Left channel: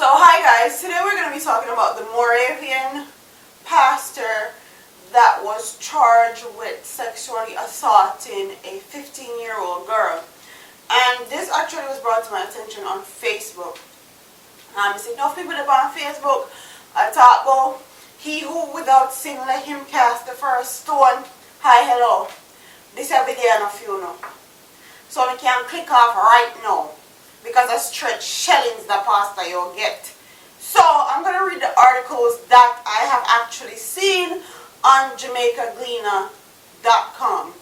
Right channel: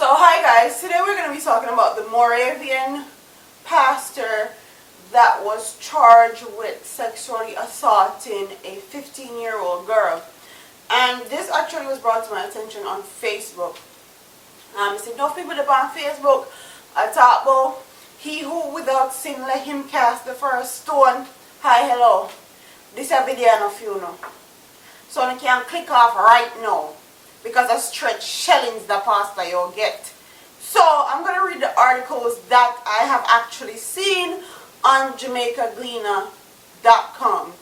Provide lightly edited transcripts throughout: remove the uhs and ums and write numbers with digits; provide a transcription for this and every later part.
So hi guys, today we're going to be talking about the Moravian pastor that was charged with sexually assaulting a 15-year-old girl. And this actually was brought to my attention on Facebook. I said, no people up on Facebook, I talk about he who without sin let him cast the first stone. Hi, hello. This is a video of you know. So you can click off right now. Because of stretch shellings the pastor you'll get. So I'm going to read the articles that I have actually seen on JAMAICAN.com.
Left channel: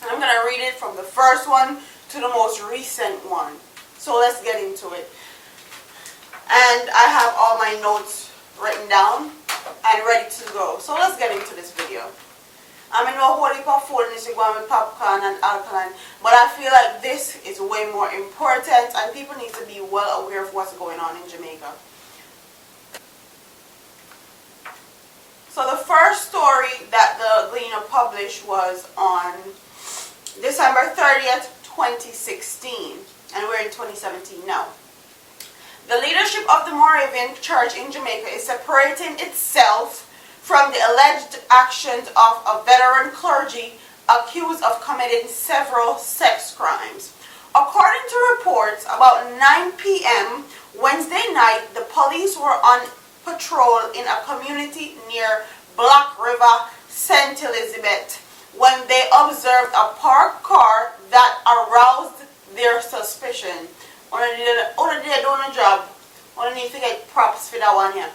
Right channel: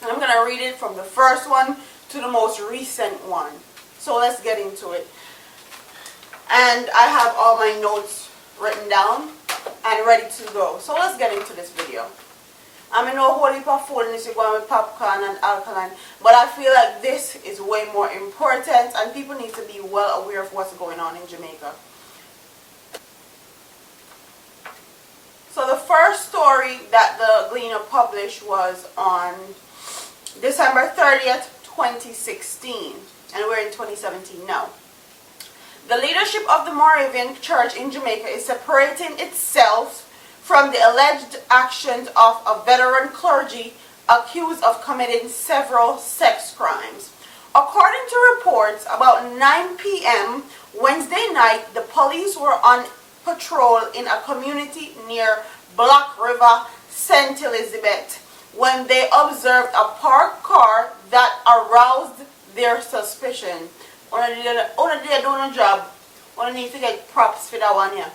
And I'm going to read it from the first one to the most recent one. So let's get into it. And I have all my notes written down and ready to go. So let's get into this video. I mean, no whole heap of food in this going with popcorn and alkaline, but I feel like this is way more important and people need to be well aware of what's going on in Jamaica. So the first story that the Gleaner published was on December 30th, 2016, and we're in 2017 now. The leadership of the Moravian Church in Jamaica is separating itself from the alleged actions of a veteran clergy accused of committing several sex crimes. According to reports, about 9 p.m. Wednesday night, the police were on patrol in a community near Black River, St. Elizabeth, when they observed a parked car that aroused their suspicion. Only they do no job. Only need to get props for that one here.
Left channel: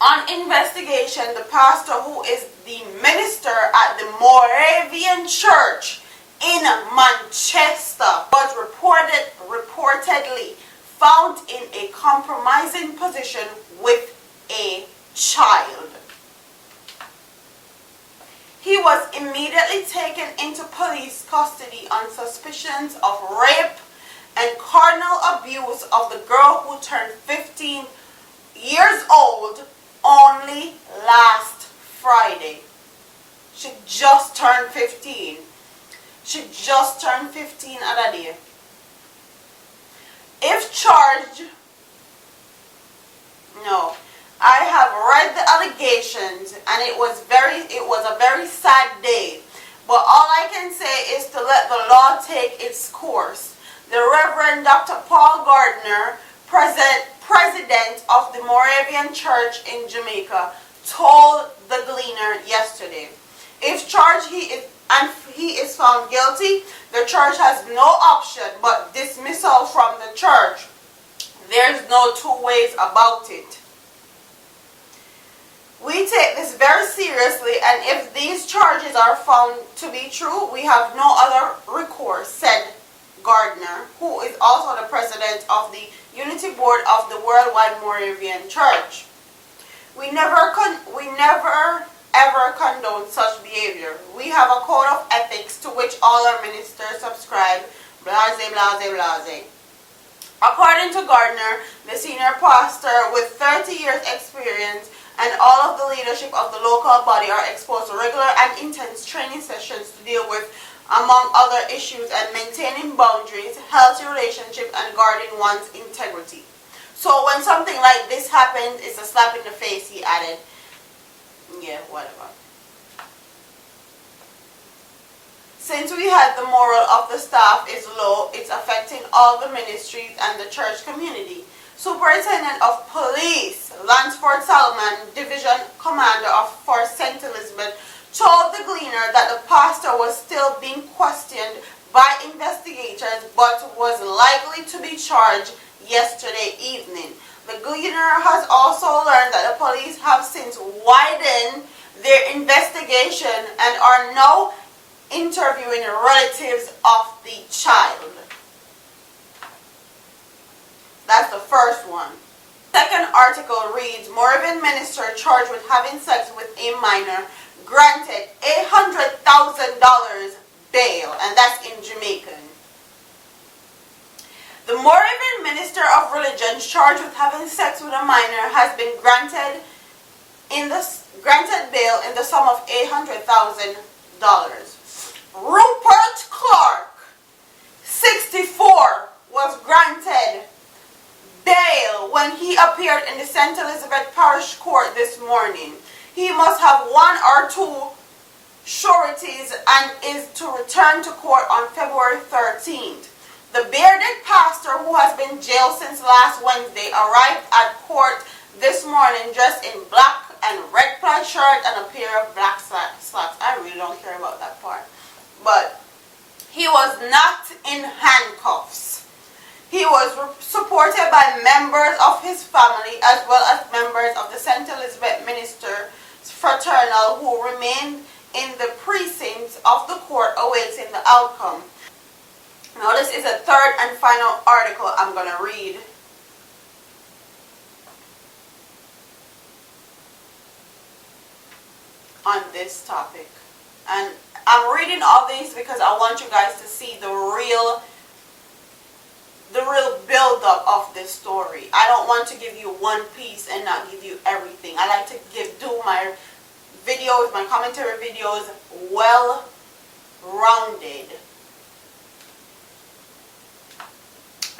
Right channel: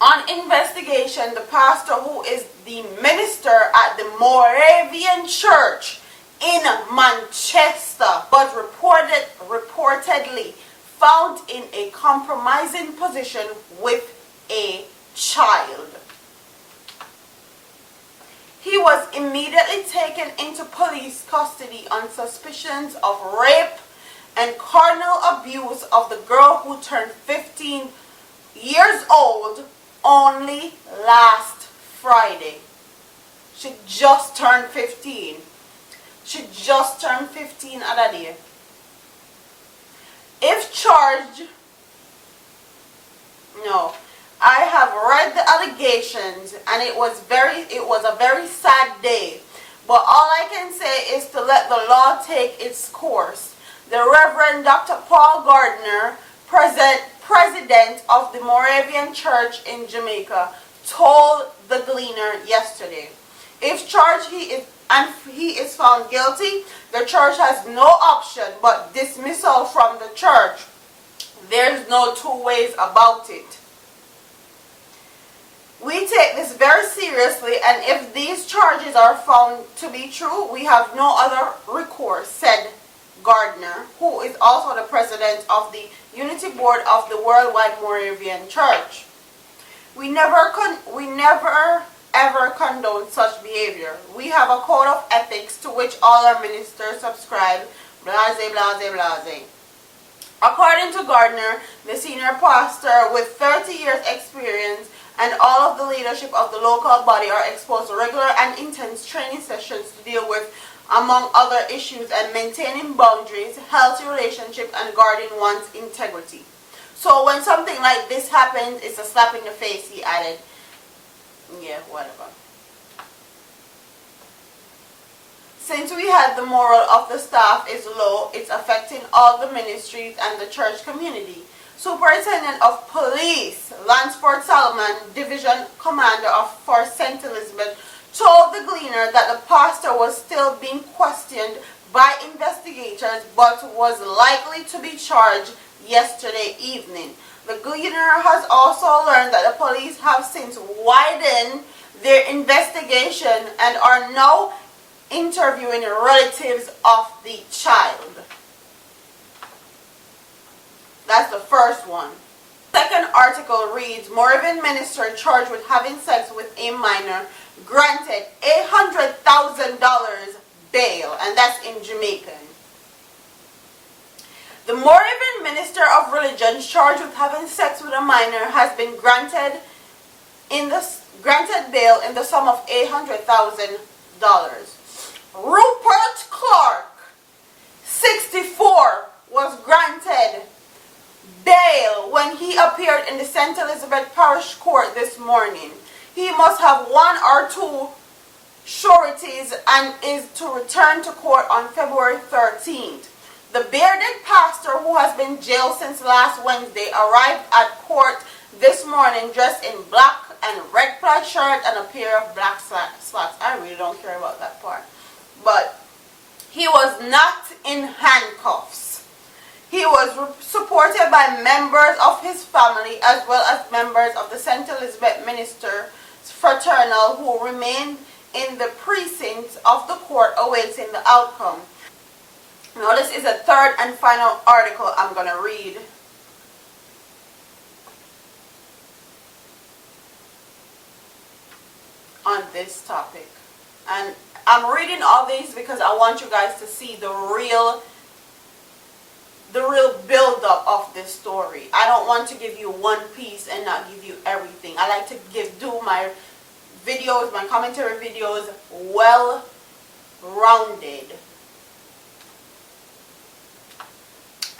On investigation, the pastor, who is the minister at the Moravian Church in Manchester, was reportedly found in a compromising position with a child. He was immediately taken into police custody on suspicions of rape and carnal abuse of the girl who turned 15 years old only last Friday. She just turned 15. She just turned 15 other day. If charged, no, I have read the allegations and it was a very sad day. But all I can say is to let the law take its course. The Reverend Dr. Paul Gardner, president of the Moravian Church in Jamaica, told the Gleaner yesterday, if charged he is found guilty, the church has no option but dismissal from the church. There's no two ways about it. We take this very seriously, and if these charges are found to be true, we have no other recourse, said Gardner, who is also the president of the Unity Board of the Worldwide Moravian Church. We never ever condone such behavior. We have a code of ethics to which all our ministers subscribe. Blase, blase, blase. According to Gardner, the senior pastor with 30 years experience and all of the leadership of the local body are exposed to regular and intense training sessions to deal with, among other issues, and maintaining boundaries, healthy relationships, and guarding one's integrity. So when something like this happens, it's a slap in the face, he added. Yeah, whatever. Since we had the moral of the staff is low, it's affecting all the ministries and the church community. Superintendent of Police Lansford Solomon, Division Commander for St. Elizabeth, told the Gleaner that the pastor was still being questioned by investigators but was likely to be charged yesterday evening. The Gleaner has also learned that the police have since widened their investigation and are now interviewing relatives of the child. That's the first one. Second article reads, Moravian minister charged with having sex with a minor granted $800,000 bail, and that's in Jamaican. The Moravian minister of religion charged with having sex with a minor has been granted bail in the sum of $800,000. Rupert Clark, 64, was granted bail when he appeared in the St. Elizabeth Parish Court this morning. He must have one or two sureties and is to return to court on February 13th. The bearded pastor, who has been jailed since last Wednesday, arrived at court this morning dressed in black and red plaid shirt and a pair of black slacks. I really don't care about that part. But he was not in handcuffs. He was supported by members of his family as well as members of the St. Elizabeth Minister Fraternal who remained in the precincts of the court awaiting the outcome. Now this is a third and final article I'm going to read. On this topic. And I'm reading all these because I want you guys to see the real build-up of this story. I don't want to give you one piece and not give you everything. I like to do my videos, my commentary videos, well-rounded.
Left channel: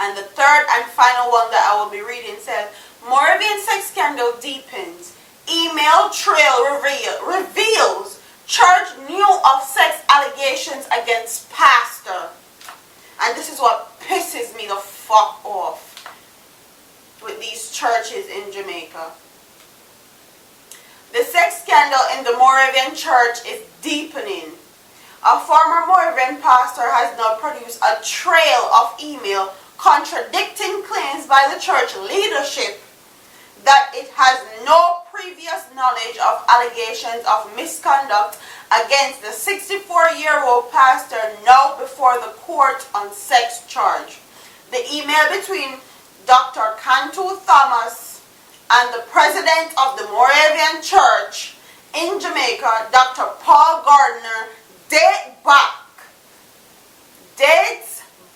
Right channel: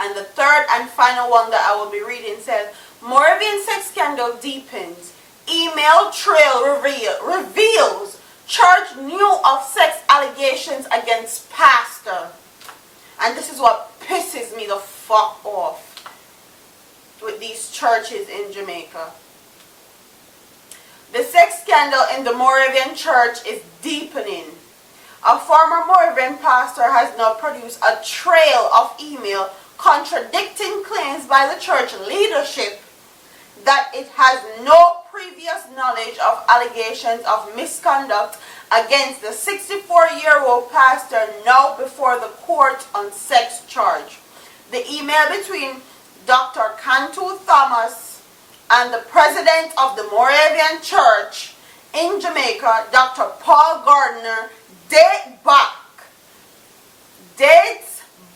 And the third and final one that I will be reading says, Moravian sex scandal deepens. Email trail reveals charge new of sex allegations against pastor. And this is what pisses me the fuck off with these churches in Jamaica. The sex scandal in the Moravian church is deepening. A former Moravian pastor has now produced a trail of email contradicting claims by the church leadership that it has no previous knowledge of allegations of misconduct against the 64-year-old pastor now before the court on sex charge. The email between Dr. Cantu Thomas and the president of the Moravian Church in Jamaica, Dr. Paul Gardner, dates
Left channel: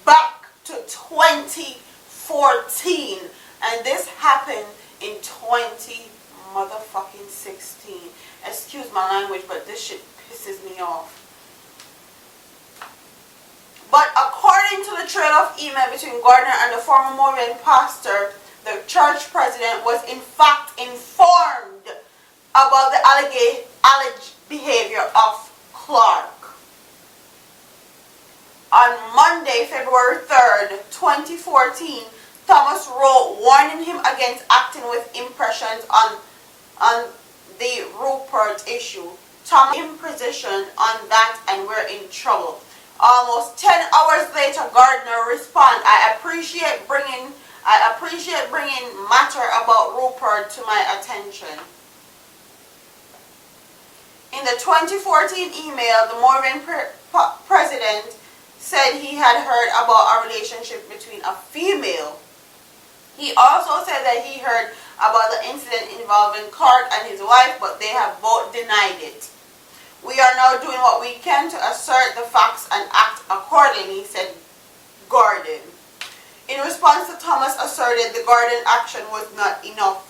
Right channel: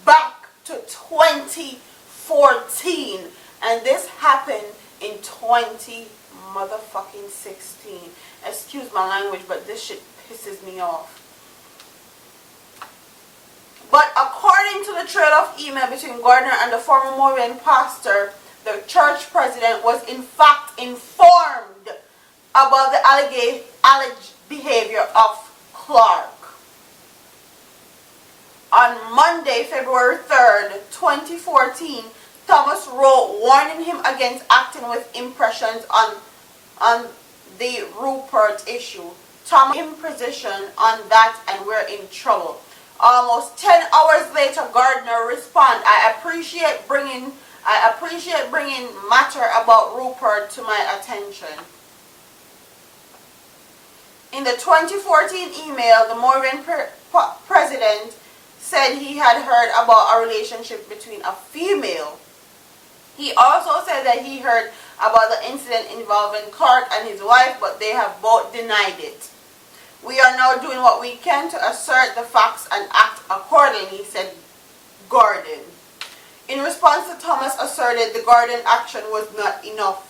back to 2014, and this happened in 2016. Excuse my language, but this shit pisses me off. But according to the trail of email between Gardner and the former Moravian pastor, the church president was in fact informed about the alleged behavior of Clark. On Monday, February 3rd, 2014, Thomas wrote warning him against acting with impressions on the Rupert issue. Thomas in position on that and we're in trouble. Almost 10 hours later, Gardner responded, I appreciate bringing matter about Rupert to my attention. In the 2014 email, the Moravian president said he had heard about a relationship between a female. He also said that he heard about the incident involving Clark and his wife, but they have both denied it. We are now doing what we can to assert the facts and act accordingly, said Gordon. In response to Thomas asserted the Gordon action was not enough.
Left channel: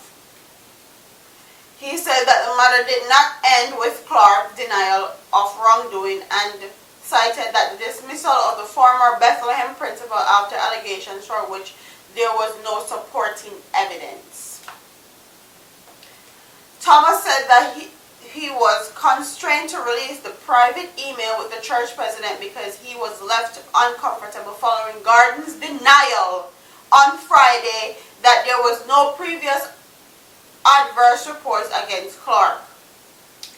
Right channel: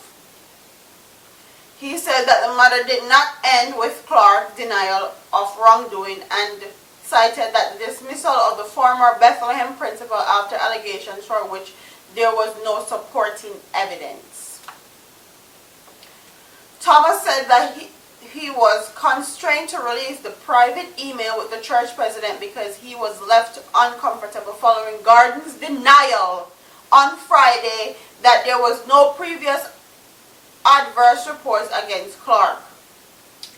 He said that the matter did not end with Clark's denial of wrongdoing and cited that the dismissal of the former Bethlehem principal after allegations for which there was no supporting evidence. Thomas said that he was constrained to release the private email with the church president because he was left uncomfortable following Gordon's denial on Friday that there was no previous adverse reports against Clark.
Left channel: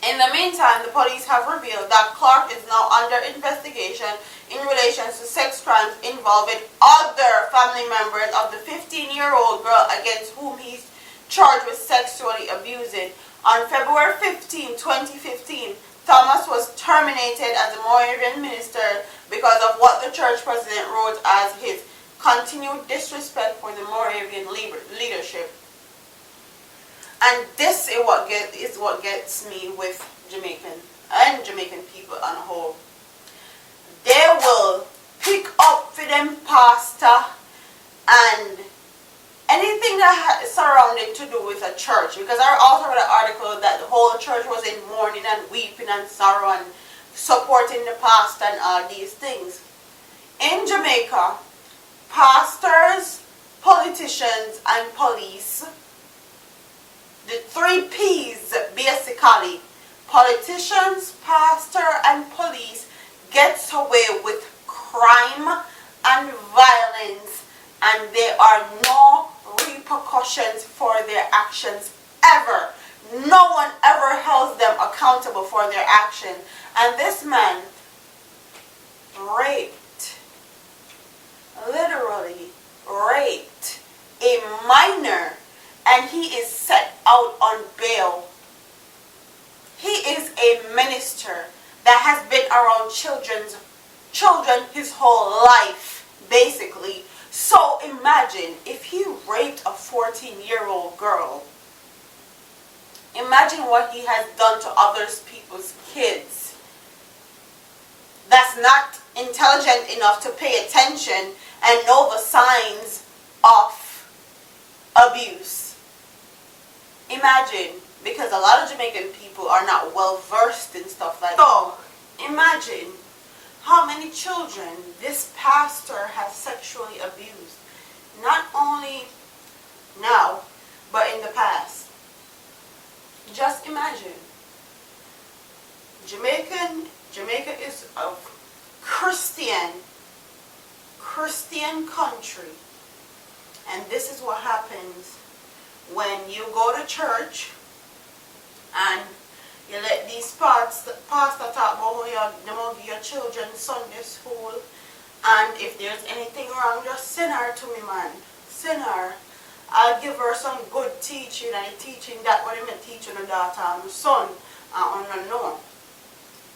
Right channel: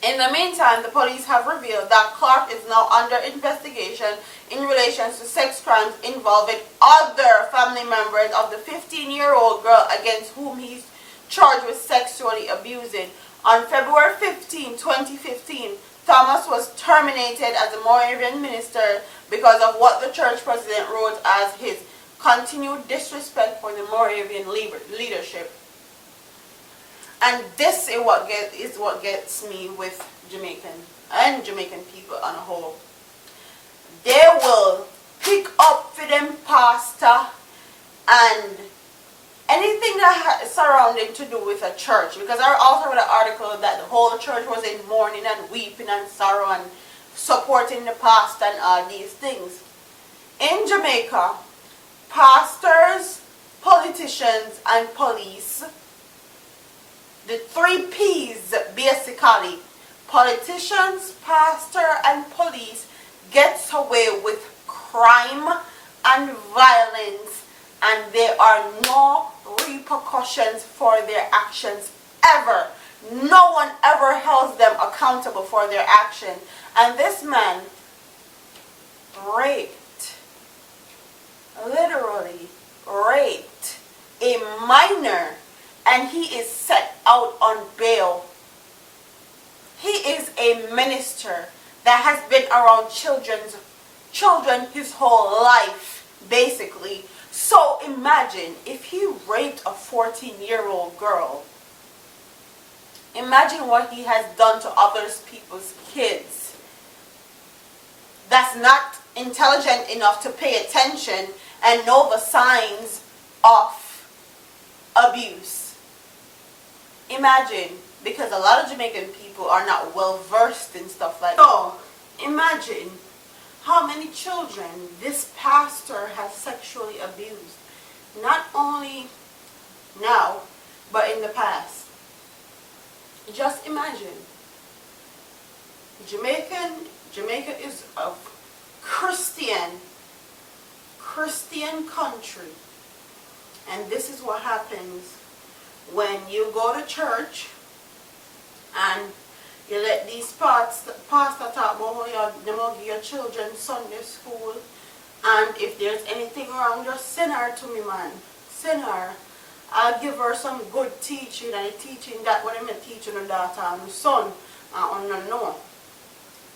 In the meantime, the police have revealed that Clark is now under investigation in relation to sex crimes involving other family members of the 15-year-old girl against whom he's charged with sexually abusing. On February 15, 2015, Thomas was terminated as a Moravian minister because of what the church president wrote as his continued disrespect for the Moravian leadership. And this is what gets me with Jamaican and Jamaican people on a whole. They will pick up for them pastor and anything that surrounding to do with a church. Because I also read an article that the whole church was in mourning and weeping and sorrow and supporting the pastor and all these things. In Jamaica, pastors, politicians and police, the 3 P's basically, politicians, pastor, and police, gets away with crime and violence, and there are no repercussions for their actions ever. No one ever holds them accountable for their action. And this man raped, literally raped, a minor, and he is set out on bail. He is a minister that has been around children his whole life, basically. So imagine if he raped a 14-year-old girl. Imagine what he has done to other people's kids that's not intelligent enough to pay attention and know the signs of abuse. Imagine, because a lot of Jamaican people are not well versed in stuff like that. So imagine how many children this pastor has sexually abused. Not only now, but in the past. Just imagine. Jamaica is a Christian country. And this is what happens when you go to church and you let these pastor talk about how you give your children Sunday school, and if there's anything wrong, just send her to me, man. Send her. I'll give her some good teaching, and the teaching that what I'm teaching the daughter and the son, and no.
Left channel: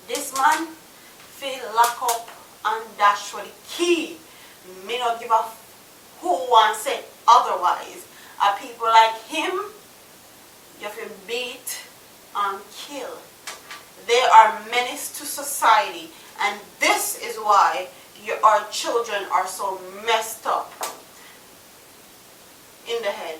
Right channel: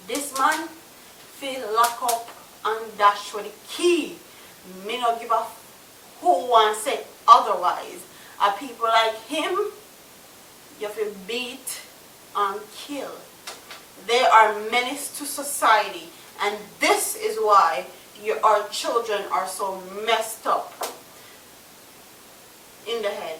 This man feel lock up and dash with the key. Me not give a who wants say otherwise. People like him, you have to beat and kill. They are menace to society, and this is why our children are so messed up in the head.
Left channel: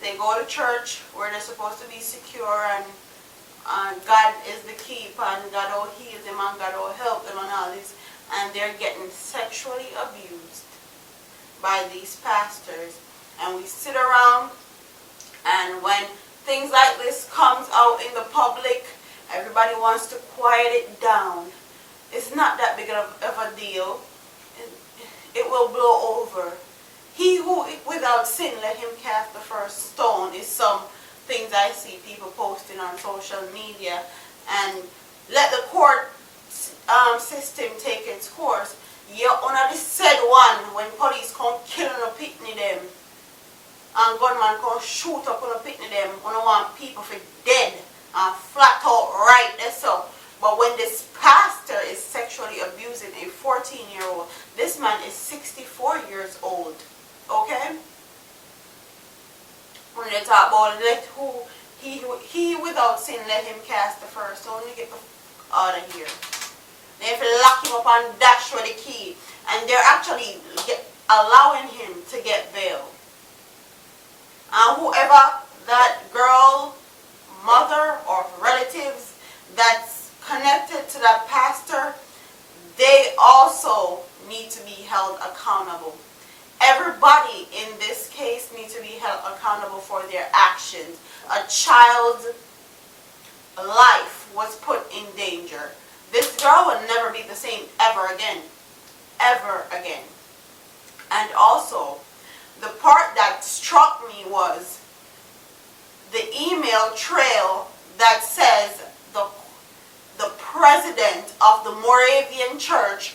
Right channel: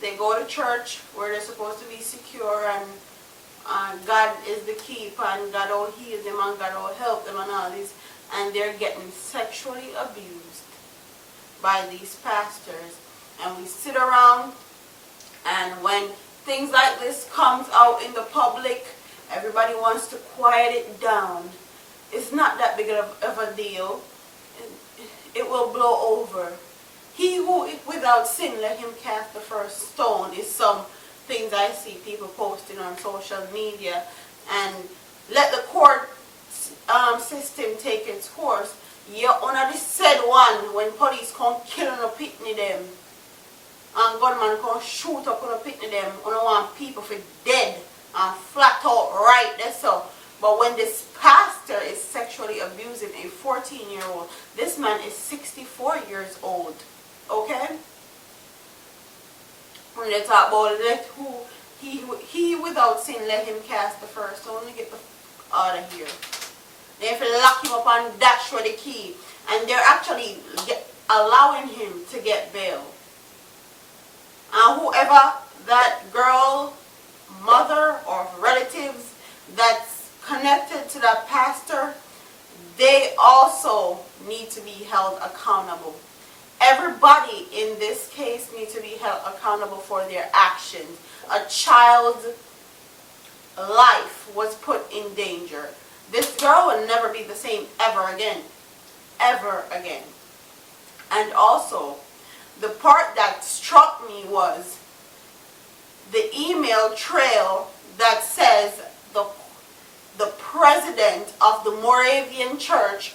They go to church where they're supposed to be secure, and God is the keeper, and God will heal them, and God will help them, and all this, and they're getting sexually abused by these pastors. And we sit around, and when things like this comes out in the public, everybody wants to quiet it down. It's not that big of a deal. It will blow over. He who without sin, let him cast the first stone, is some things I see people posting on social media. And let the court system take its course. You honor the said one when police come kill on a pitney them, and gunman come shoot up on a pitney them, on want people for dead and flat out right there. So, but when this pastor is sexually abusing a 14-year-old, this man is 64 years old. Okay? When they talk about he without sin, let him cast the first stone. Let me get the out of here. They have to lock him up and dash with the key, and they're actually allowing him to get bail. And whoever that girl, mother, or relatives that's connected to that pastor, they also need to be held accountable. Everybody in this case needs to be held accountable for their actions. A child's life was put in danger. This girl will never be the same ever again. Ever again. And also, the part that struck me was the email trail that says the president of the Moravian church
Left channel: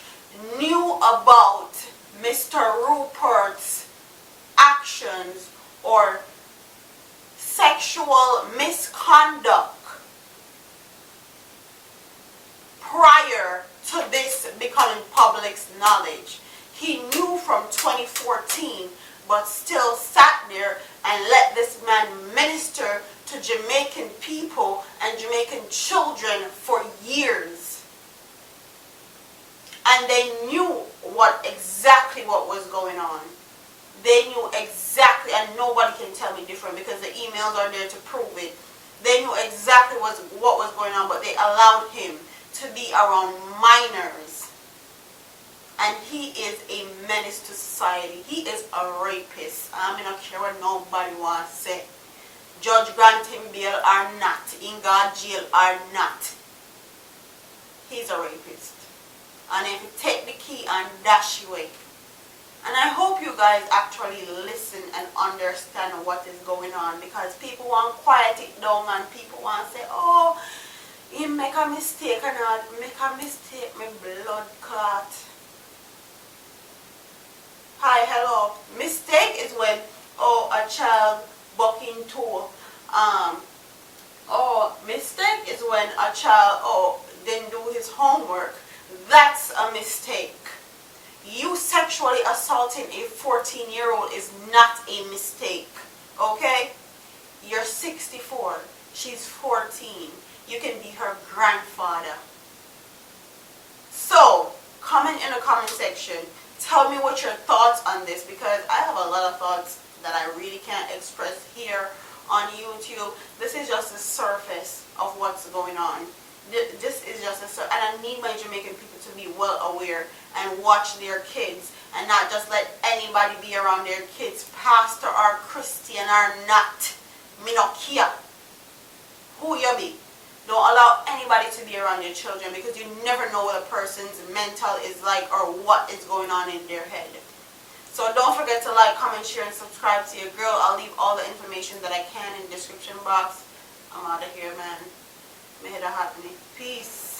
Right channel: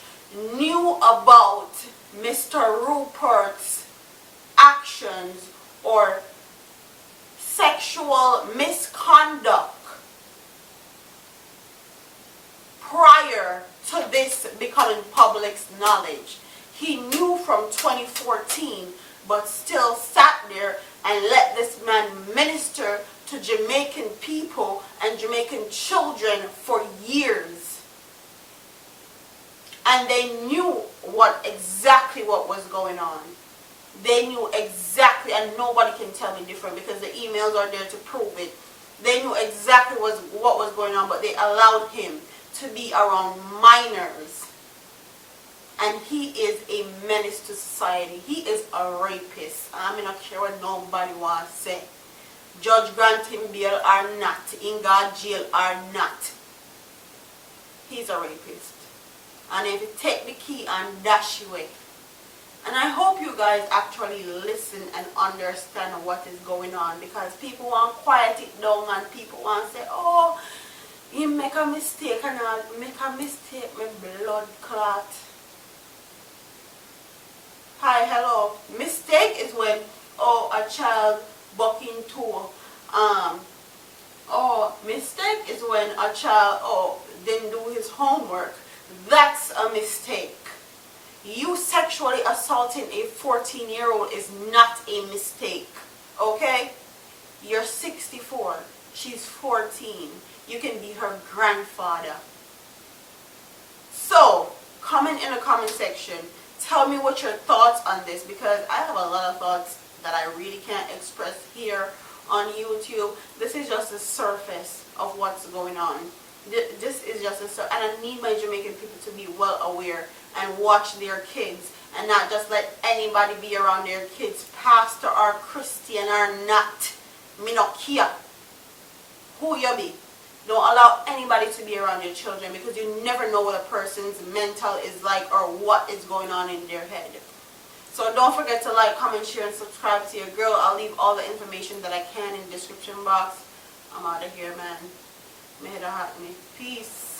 knew about Mr. Rupert's actions or sexual misconduct prior to this becoming public's knowledge. He knew from 2014, but still sat there and let this man minister to Jamaican people and Jamaican children for years. And they knew exactly what was going on. They knew exactly, and nobody can tell me different because the emails are there to prove it. They knew exactly what was going on, but they allowed him to be around minors. and he is a menace to society. He is a rapist. I'm not care what nobody wants to say. Judge grant him bail or not, in God jail or not, he's a rapist. And if you take the key and dash away. And I hope you guys actually listen and understand what is going on, because people want to quiet it down and people want to say, oh, you make a mistake and I make a mistake, my blood clot. Hi, hello. Mistake is when, oh, a child bucking toe. Oh, mistake is when a child, oh, didn't do his homework. That's a mistake. You sexually assaulting a 14-year-old is not a mistake, okay? You're 64. She's 14. You can be her grandfather. So, comment in the comment section. Tell me what your thoughts on this, because I have a lot of thoughts that I really can't express here on YouTube. This is just the surface of what's going on. This is just and I need my Jamaican people to be well aware and watch their kids and not just let anybody be around their kids, pastor or Christian or not. Me no care who you be. Don't allow anybody to be around your children, because you never know what a person's mental is like or what is going on in their head. So don't forget to like, comment, share, and subscribe to your girl. I'll leave all the information that I can in the description box. I'm out of here, man. May it hot me. Peace.